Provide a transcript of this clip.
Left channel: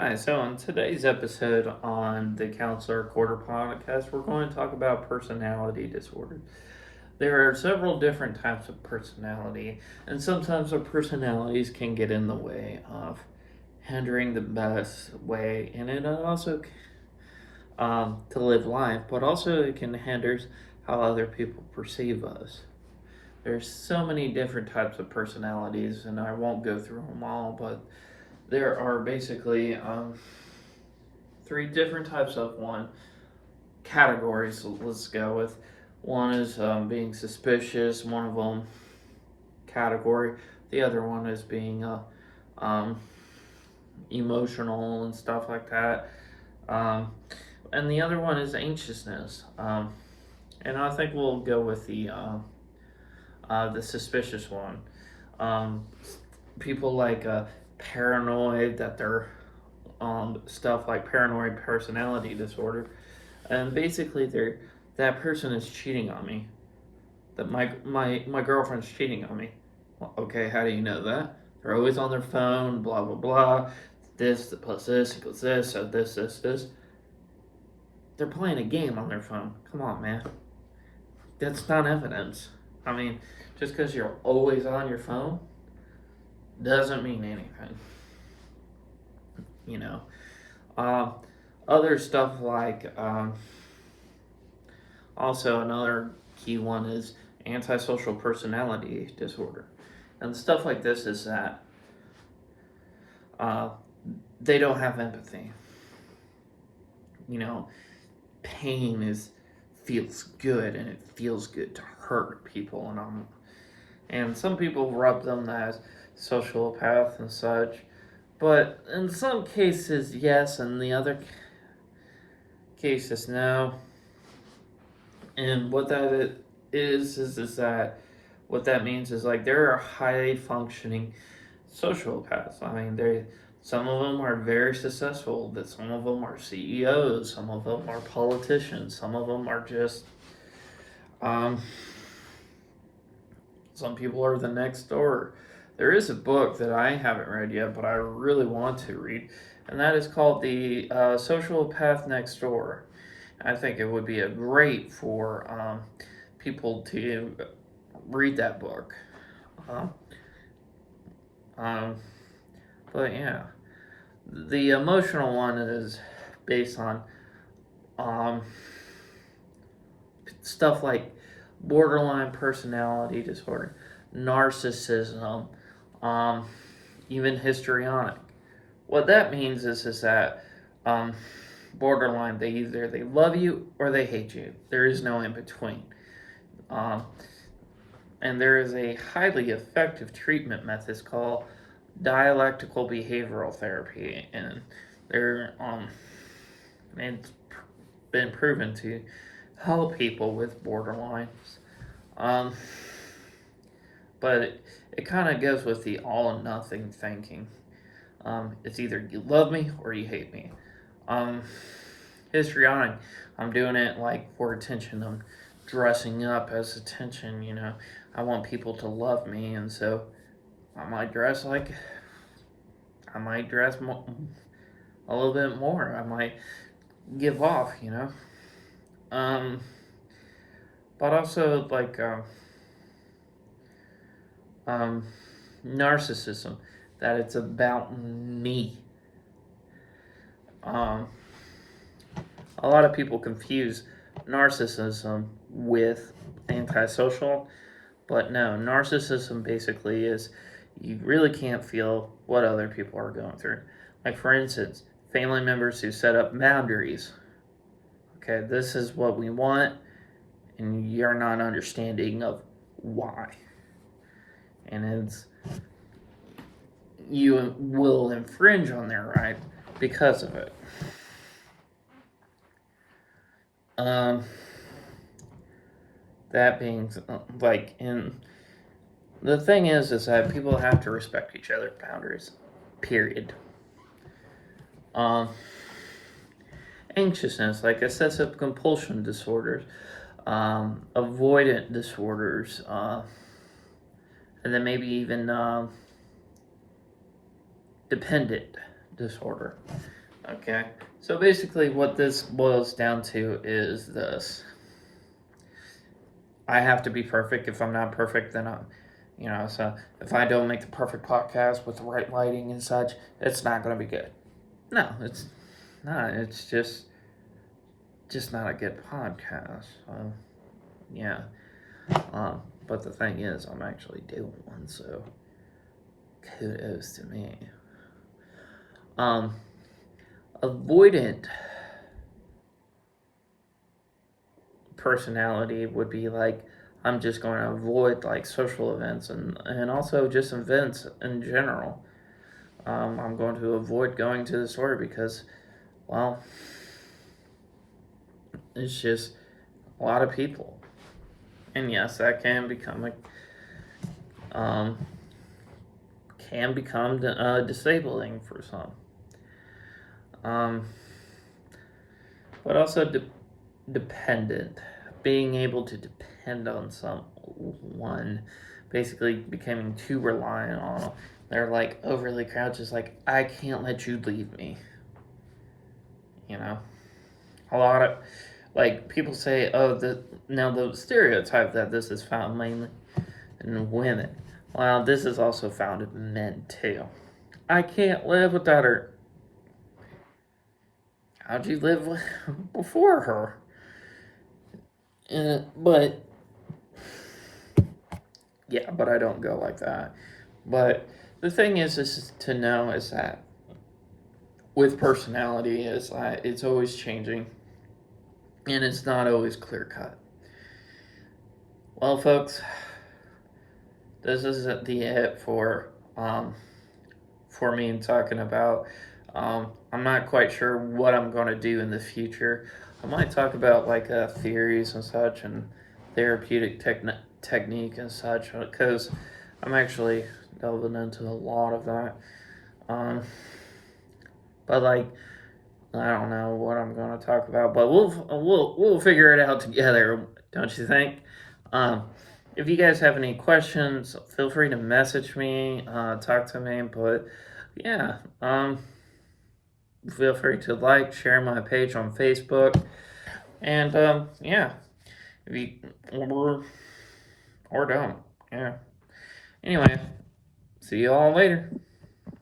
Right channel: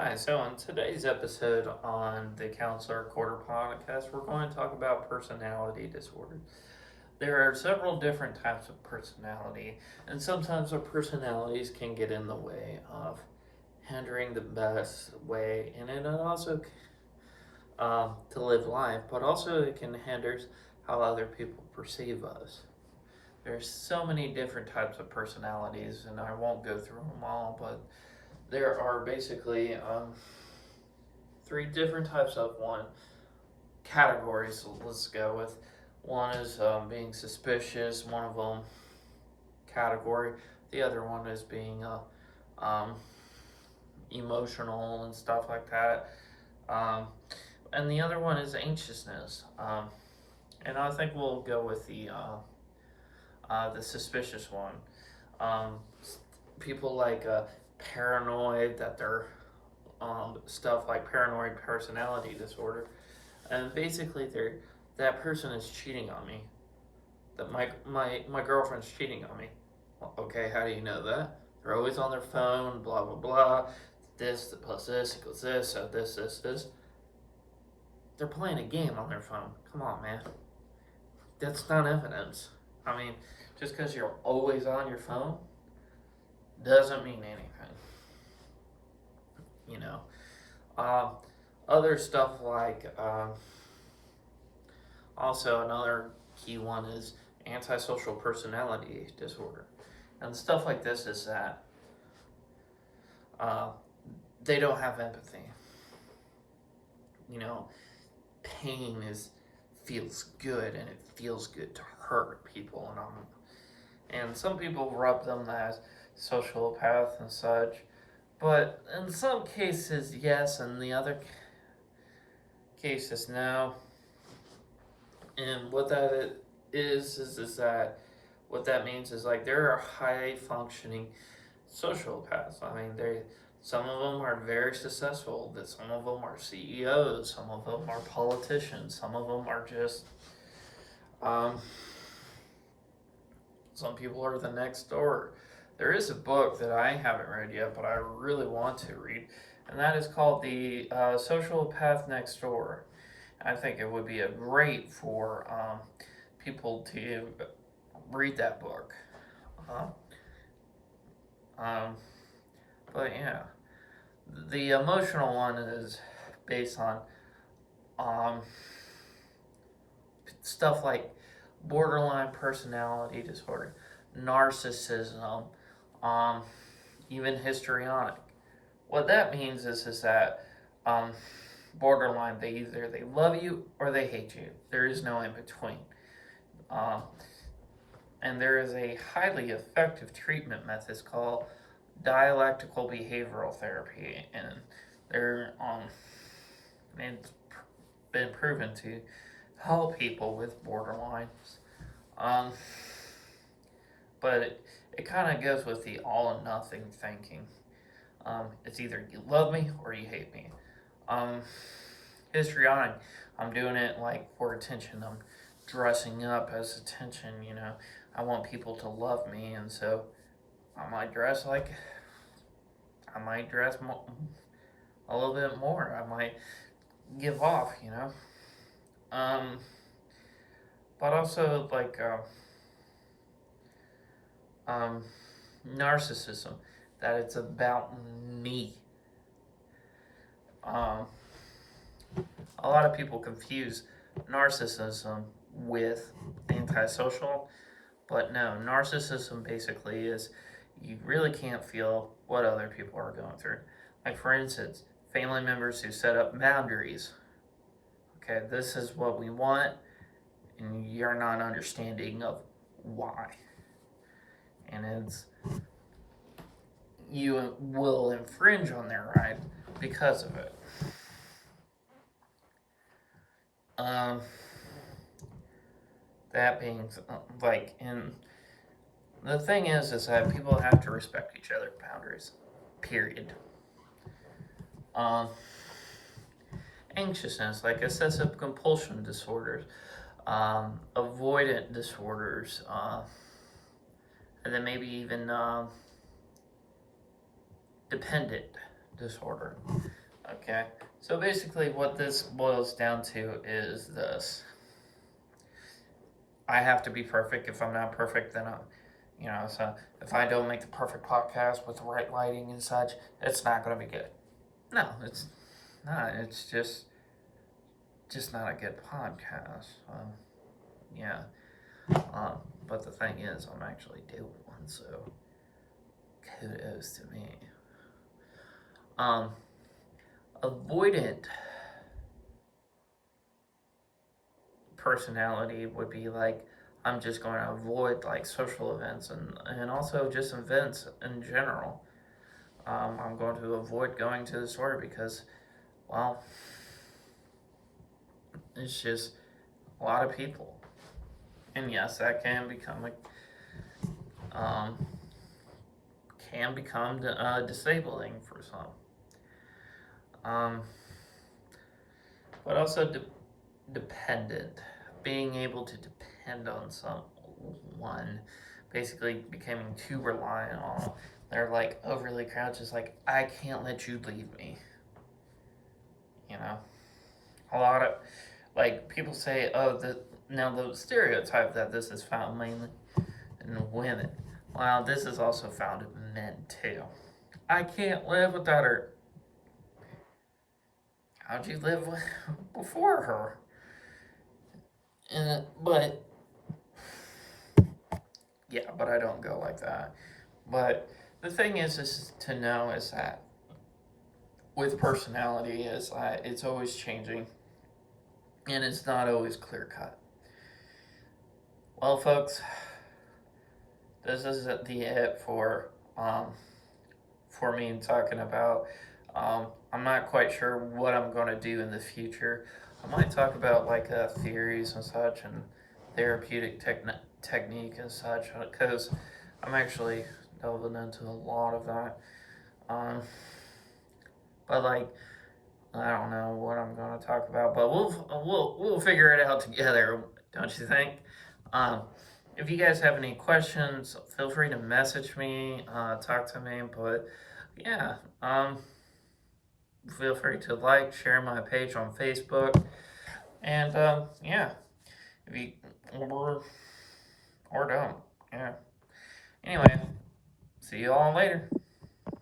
Hi, so in today's episode on the Counselor Quarter podcast, we're going to talk about personality disorder. There are several different types of personality, and sometimes our personalities can get in the way of hindering the best way, and it also to live life, but also it can hinder how other people perceive us. There's so many different types of personalities, and I won't go through them all, but there are basically three different types of one categories. So let's go with one is being suspicious. One of them category. The other one is being um, emotional and stuff like that. Um, and the other one is anxiousness. And I think we'll go with the suspicious one. Um, People like paranoid that they're stuff like paranoid personality disorder, and basically they're that person is cheating on me. That my girlfriend's cheating on me. Well, okay, how do you know that? They're always on their phone. Blah blah blah. This plus this equals this. So this. They're playing a game on their phone. Come on, man. That's not evidence. I mean, just because you're always on your phone doesn't mean anything. You know. Uh, Other stuff like also another key one is antisocial personality disorder, and stuff like this is that uh, they don't have empathy. You know, pain is feels good, and it feels good to hurt people, and some people rub them as sociopath and such. But in some cases, yes, and the other cases, no. And what that is that what that means is like there are high functioning sociopaths. I mean, they some of them are very successful. That some of them are CEOs. Some of them are politicians. Some of them are just um, some people are the next door. There is a book that I haven't read yet, but I really want to read, and that is called The Sociopath Next Door. I think it would be a great for people to read that book. Um, um, but yeah, the emotional one is based on um, stuff like borderline personality disorder, narcissism, um, even histrionic. What that means is that um, borderline they love you or they hate you. There is no in between. Um, and there is a highly effective treatment method called dialectical behavioral therapy, and they're it's been proven to help people with borderlines. Um, but it kind of goes with the all or nothing thinking. It's either you love me or you hate me. Um, Histrionic, I'm doing it like for attention. I'm dressing up as attention. I want people to love me, and so I might dress like I might dress a little bit more. I might give off. Um, but also like um, narcissism, that it's about me. Um, a lot of people confuse narcissism with antisocial, but no, narcissism basically is you really can't feel what other people are going through. Like, for instance, family members who set up boundaries. Okay, this is what we want, and you're not understanding of why. And it's you will infringe on their right because of it. Um, that being like in the thing is that people have to respect each other's boundaries. Period. Um, Anxiousness, like excessive compulsion disorders, avoidant disorders, and then maybe even dependent disorder. Okay, so basically what this boils down to is this. I have to be perfect. If I'm not perfect, then so if I don't make the perfect podcast with the right lighting and such, it's not going to be good. No, it's not. It's just not a good podcast. Yeah. But the thing is, I'm actually doing one, so kudos to me. Avoidant personality would be like, I'm just going to avoid like social events and also just events in general. I'm going to avoid going to the store because, well, it's just a lot of people. And yes, that can become disabling for some. But also dependent, being able to depend on someone, basically becoming too reliant on them. They're like overly crouched, like, I can't let you leave me. A lot of like people say, oh, the stereotype that this is found mainly in women. Well, this is also found in men too. I can't live without her. How'd you live before her? But yeah, but I don't go like that. But the thing is to know is that with personality is it's always changing, and it's not always clear cut. Well, folks, this is the it for me talking about. I'm not quite sure what I'm going to do in the future. I might talk about like theories and such and therapeutic technique and such because I'm actually delving into a lot of that. But like I don't know what I'm going to talk about, but we'll figure it out together, don't you think? Um, if you guys have any questions, feel free to message me, talk to me. But yeah, feel free to like, share my page on Facebook, and yeah, if you or don't, yeah. Anyway, see you all later.